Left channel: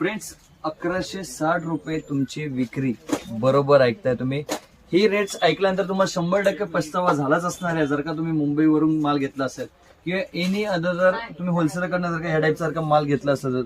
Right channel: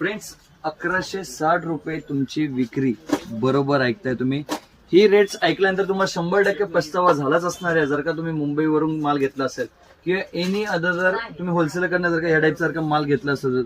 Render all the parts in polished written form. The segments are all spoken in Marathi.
फ्रेंड्स 1160 रुपये तुमची विक्री. बरोबर ऐकताय तुम्ही. ही रेट्स ऐकल्यानंतर तुम्हाला 100% पस्तावा झालाच असणार आहे जर का तुम्ही मुंबईवरून माल घेतला असेल किंवा एनी अदर जर तुम्ही होलसेलकडनं जर का ह्या टाईपसारखा माल घेतला असेल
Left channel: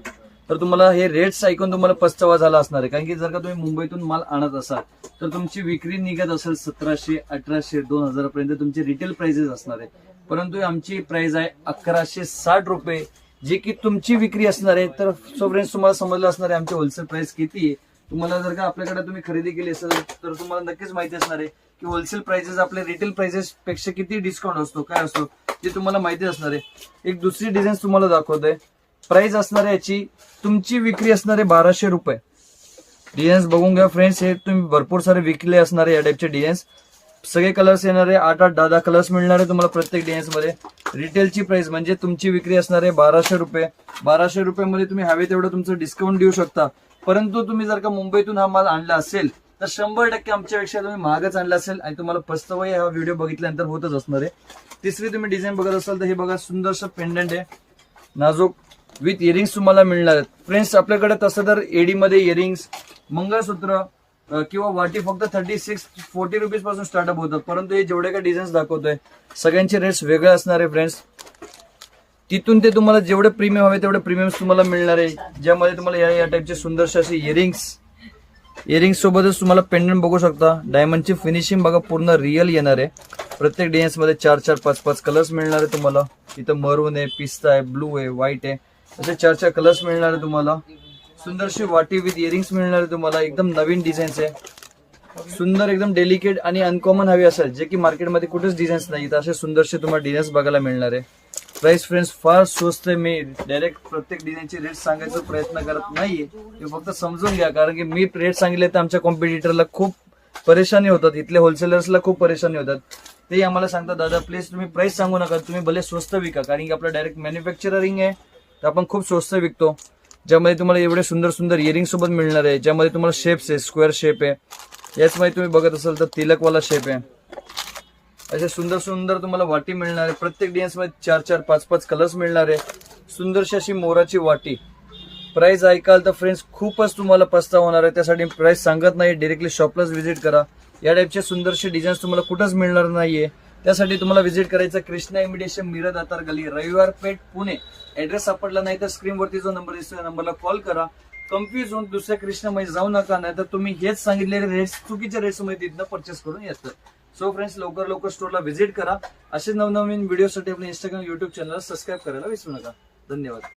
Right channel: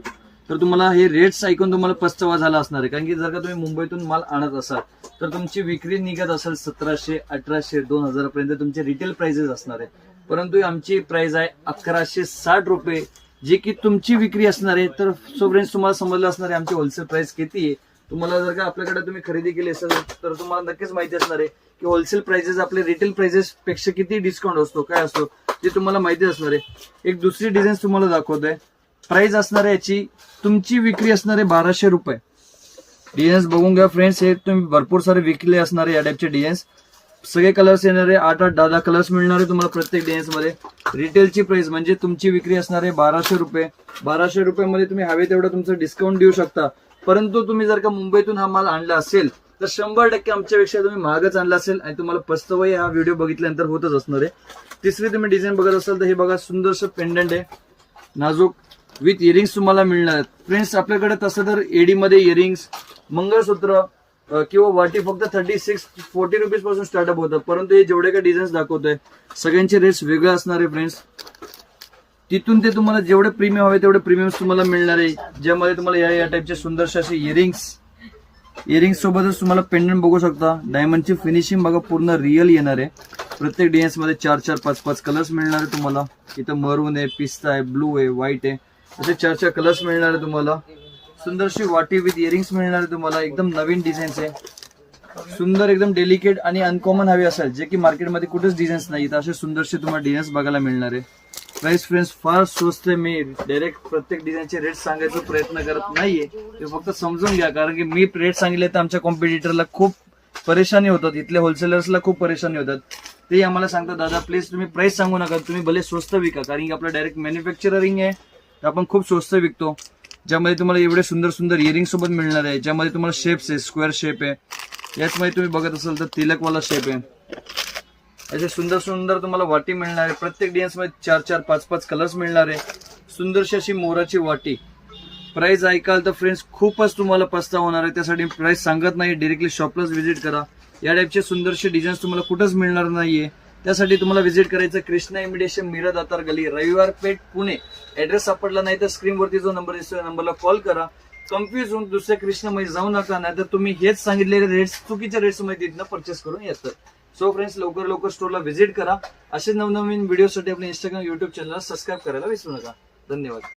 तर तुम्हाला हे रेट्स ऐकून तुम्हाला पस्तावा झाला असणार आहे. कारण की जर का तुम्ही मुंबईतून माल आणत असाल तर तुमची विक्री निघत असेल 1700, 1800, 2000 पर्यंत तुमचे रिटेल प्राइसेस असणार आहे. परंतु आमची प्राइस आहे 1160 रुपये, जे की तुमची विक्री असणार आहे. तर सो फ्रेंड्स तुम्हाला समजलं असणार आहे आमची होलसेल प्राइस किती आहे. तुम्हाला जर का आपल्याकडे तुम्ही खरेदी केली असेल तर तुम्हाला नक्कीच माहिती असणार आहे की होलसेल प्राइसेस आपले रिटेल प्राइसेस पेक्षा किती डिस्काउंट असतो, काय असतो ते तुम्हाला माहिती असणार आहे. एक दुसरी डिझाईन तुम्हाला दाखवतोय. प्राइस असणार आहे याची, तुमची विक्री असणार आहे 1200 रुपये. डिझाईन्स बघून घ्या फ्रेंड्स, हे तुम्ही भरपूर सारे विकले असणार आहे या टाईपचे डिझाईन्स. सगळे कलर्स येणार आहे, 8-8, 10-10 कलर्स मिळणार आहे तुम्हाला प्रत्येक डिझाईन्स मध्ये. रिटेलची प्राइस म्हणजे तुमची विक्री असणार आहे 1200 रुपये. 1200 रुपये मध्ये तुम्ही हवे तेवढं तुमचं डिस्काउंट देऊ शकता. परंतु तुम्ही जर का मुंबईतून हा माल आणला असेल तर 100% आमच्यापेक्षा तुम्ही महागच आणला असेल आणि तुम्हाला पस्तावाही हा व्हिडिओ बघितल्यानंतर होतच असणार आहे. तिसरी तुम्ही डिझाईन बघत असाल तर हे बघा, सुंदरसं पेंडंट आहे, नाजूक विथ इयरिंग्स तुम्हाला मिळणार आहेत. फ्रेंड्स आपल्याकडे तसं तर एडी मध्ये इयरिंग्स, मंगळसूत्र किंवा वाटी फक्त 36-40 रुपीज पासून स्टार्टअप होतं. परंतु हे जेवढे काही डिझाईन्स दाखवतोय सगळ्यांचे रेट्स वेगळे असणार आहे फ्रेंड्स. तिथून ते तुम्हाला जेवढे प्रीमियम हवे तेवढे प्रीमियम्स तुम्हाला मिळणार आहे, ज्यामध्ये तुम्हाला या टाईपचे सुंदरसे असे इयरिंग्स सोबतच तुम्हाला पेंडंट बघू शकता. डायमंडची फिनिशिंग बघा, पूर्ण रिअल येणार आहे. प्रत्येक डिझाईन्स मध्ये 4-4, 5-5 कलर्स मिळणार आहे तुम्हाला. इथं मरून आहे, पिस्ता आहे, ब्लू आहे, व्हाईट आहे, असे 4-4 कलर्स मिळणार आहे तुम्हाला. सुंदरशी वाटी विथ इयरिंग्स मिळणार आहे तुम्हाला. एकदम नवीन डिझाईन्स आहे, सुंदर, एकदम डेलिकेट आणि अनकॉमन हवे असेल जे की मार्केटमध्ये कुठेच डिझाईन्स नाही, तर असे सुंदरसे तुम्हाला डिझाईन्स बघायला मिळणार आहे. प्राइस फ्रेंड्स फार स्वस्त आहे. मी डायरेक्ट प्रत्येक डिझाईनचे रेट सांगायचा प्रयत्न करत नाहीये, ते फक्त समजून घ्या. कारण की मी रेट सांगितले तर आमच्या कॉम्पिटिटरला खूप परेशानी होतात, इथल्या होलसेलर्सला खूप परेशानी होतात. ते आम्हाला सांगतात दादा प्लीज तुम्ही प्राइस सांगू नका, तुम्ही भले स्वस्त विका. कारण की आपलं डायरेक्ट मॅन्युफॅक्चरिंग आहे तर आपण खूप स्वस्त विकतो. ज्यामध्ये तुम्हाला एवढे सुंदर सुंदर इयरिंग सोबत मिळणार आहे, ज्यामध्ये तुम्हाला शेप्स आहे, स्क्वेअर शेप आहे. याचमध्ये तुम्ही बघत असाल तर तिलकवाला शेप आहे. असे सुंदर सुंदर तुम्हाला वाटी मिळणार आहे. प्रत्येक डिझाईन्स मध्ये 4-4, 5-5 कलर्स मिळणार आहे. सुंदरशी अशी मोराची वाटी. प्राइस ऐकाल तर फ्रेंड्स खूपच तुम्हाला पस्तावा होणार आहे. त्यासाठी प्राइस सांगत नाही, डायरेक्टली शॉपलाच व्हिजिट करा. या टाईपचे सुंदरसे डिझाईन्स तुम्हाला कुठंच मिळणार नाहीये. त्यासाठी तुम्हाला व्हिजिट करायचं कृष्णा इमिटेशन मिरज दातार गली, रविवार पेठ, पुणे. ऍड्रेस सापडला नाही तर स्क्रीनवरती जो नंबर दिसतो त्या नंबरला कॉल करा. कन्फ्युज होऊन दुसऱ्या कृष्णामध्ये जाऊ नका, नाही तर तुम्ही हेच सांगितलेले रेट्स चुकीच्या रेट्स मध्ये तिथनं परचेस करून येतात. सो फ्रेंड्स लवकर स्टोरला व्हिजिट करा. असे नवनवीन व्हिडिओसाठी आपल्या इंस्टाग्राम, युट्यूब चॅनलला सबस्क्राईब करायला विसरू नका. धन्यवाद.